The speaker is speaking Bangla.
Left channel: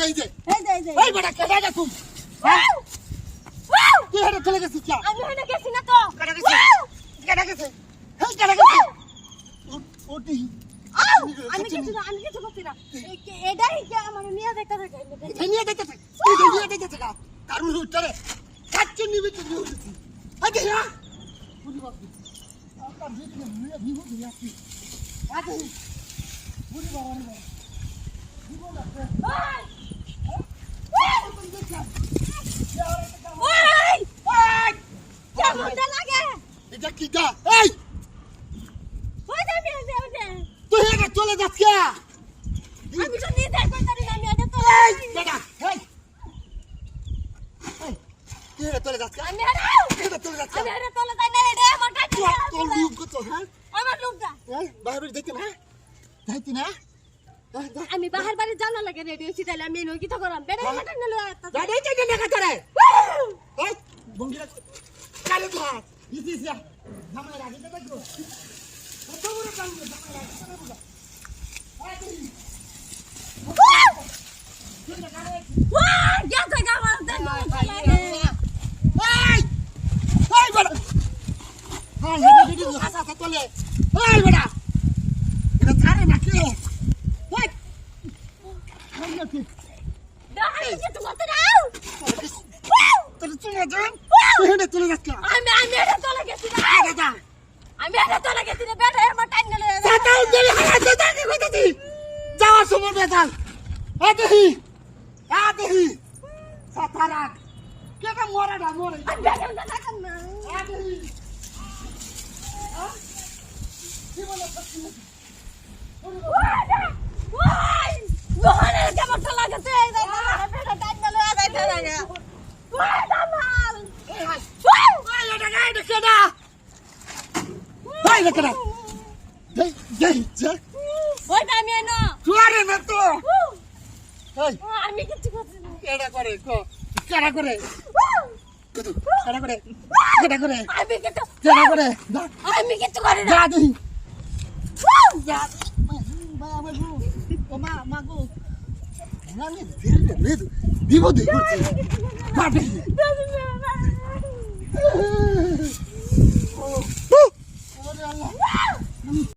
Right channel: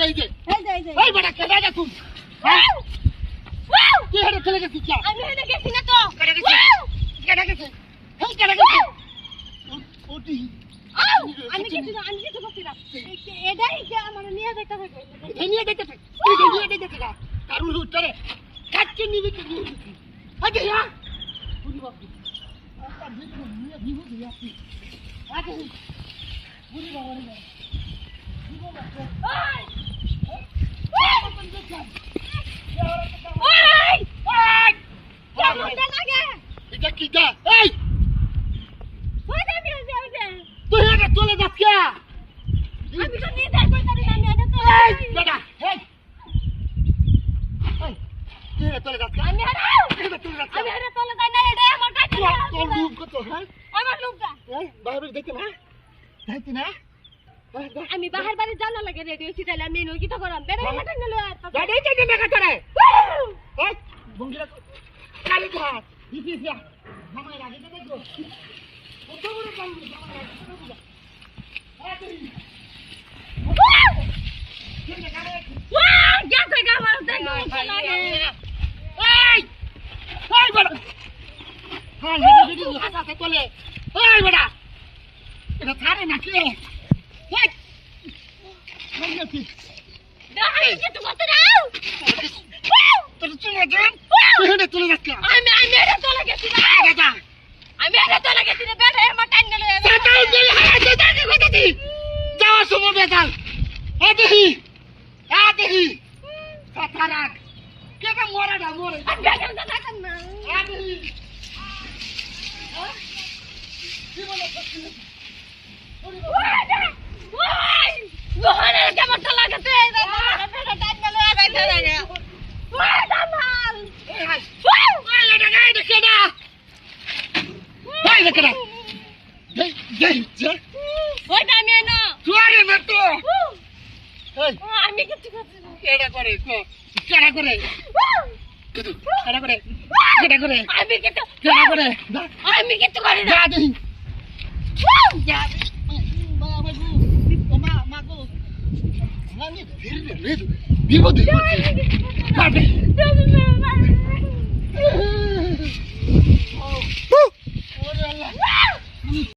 ওই বড় কেডা রে তুই তুই হেডে চলে গেছিস কি আমি হেডে গেছি না তো কেডা গেছে হেই কেডা গেছে ওটি আমি কিছু করছি না এটাই যে আমার নিয়ে যাইতে থাকে নিয়ে যাইতে থাকা কারুর উত্তরে কাচ্চে নিবি তুই উঠছিস আগে না পুরি বাবু একটা ভিডিও নিয়ে ভিডিও দিয়ে আসি আগে পুরি বাবা ভিডিও না এটা কি দা এই তুই এটা চলে যাচ্ছিস আমি তো নিয়ে যাই পারি না আমি এটা তো এই বেটা এই তুই এটা চলে যাচ্ছিস আমি এটা চলে যাচ্ছিস এটা তোলে যাই না এটা আমার কাছে তোর লুক কত হ্যাঁ আমার লোকটা এই বাইরে যাইতে না আমি বাহার বাড়ি জানা লাগে রেডি হইছি তাহলে আমি নই কি তো করাম বেটা মাথা নিলে গাড়ি চাইতে না তোরে এই বঙ্গিরা কালে ধর দিছিস না জামাই রাখি দে দেখো কত বড় কাম জামাই রাখি দে বুঝা গেছে গামার দেখো লাগে এই বড় হ্যাঁ হেডে হাসা তোলে এই বড় এটা ছাড়ে না কি এই কি দাঁড়াই কিছু করতে দাও তোর চলে যান তুই হেডে চলে যাচ্ছিস আমি এটা তোলে গেছি না দাদা আমি এটা তোলে গেছি না বেটা আমার টাইম নিলে সাতাই দিল হাতে দাঁড়িয়ে কইতাছি যাওয়ার সময় বেতাল আদেহি সাতারাক কেটা মরাটা মরে বেটা না না আদেহি কি বলে পছন্দ ওই ওরে কেমন লাগাতে বেটা টাইম নিলে আইতে লাগে ওই দামাল ওই এটা গায় দেখে না ওই দেখে না ওই আমি না তুই না তো এই আমি কিছু করছি না কেডা করে কেডা করে আমি কিছু কেডা করে আমি কিছু করি না যা দেহি যা মা গো আমি ফিরবে রেড বিপদে করছি কাটে ওরে আল্লাহ